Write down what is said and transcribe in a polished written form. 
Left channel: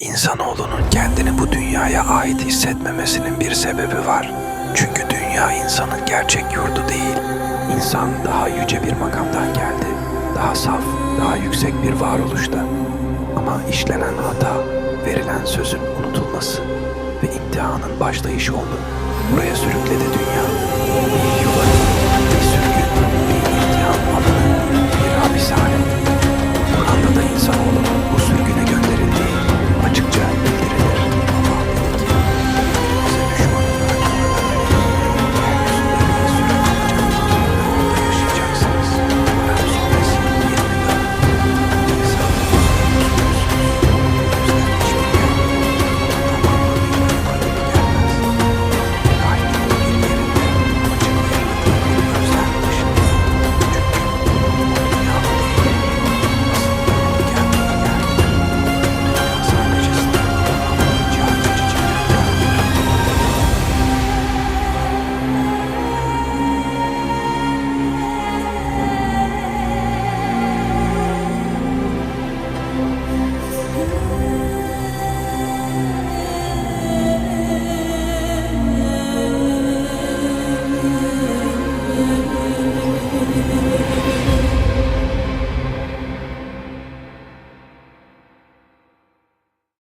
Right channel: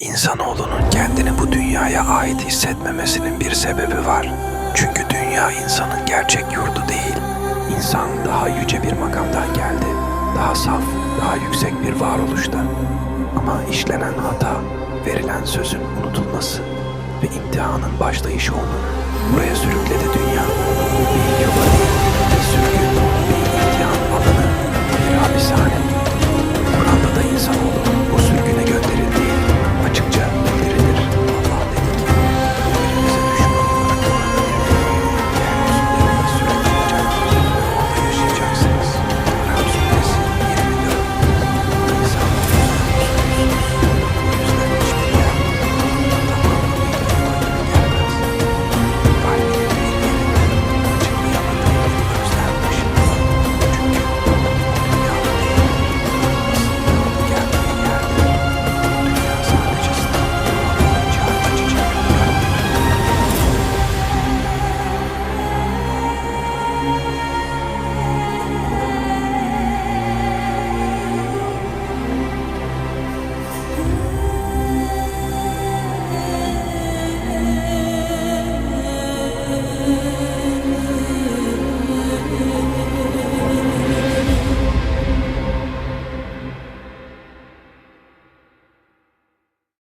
İnsanoğlunun kendini bu dünyaya ait hissetmemesinin bir sebebi var. Çünkü dünya insanın gerçek yurdu değil. İnsan daha yüce bir makamdan geldi. Daha saf, daha yüksek bir varoluşta. Ama işlenen hata, verilen sözün unutulması ve imtihanın başlayışı onu buraya sürükledi dünya. Bir yuva değil, bir sürgün, bir imtihan alanı, bir hapishane. Kur'an'da da insanoğlunun bu sürgün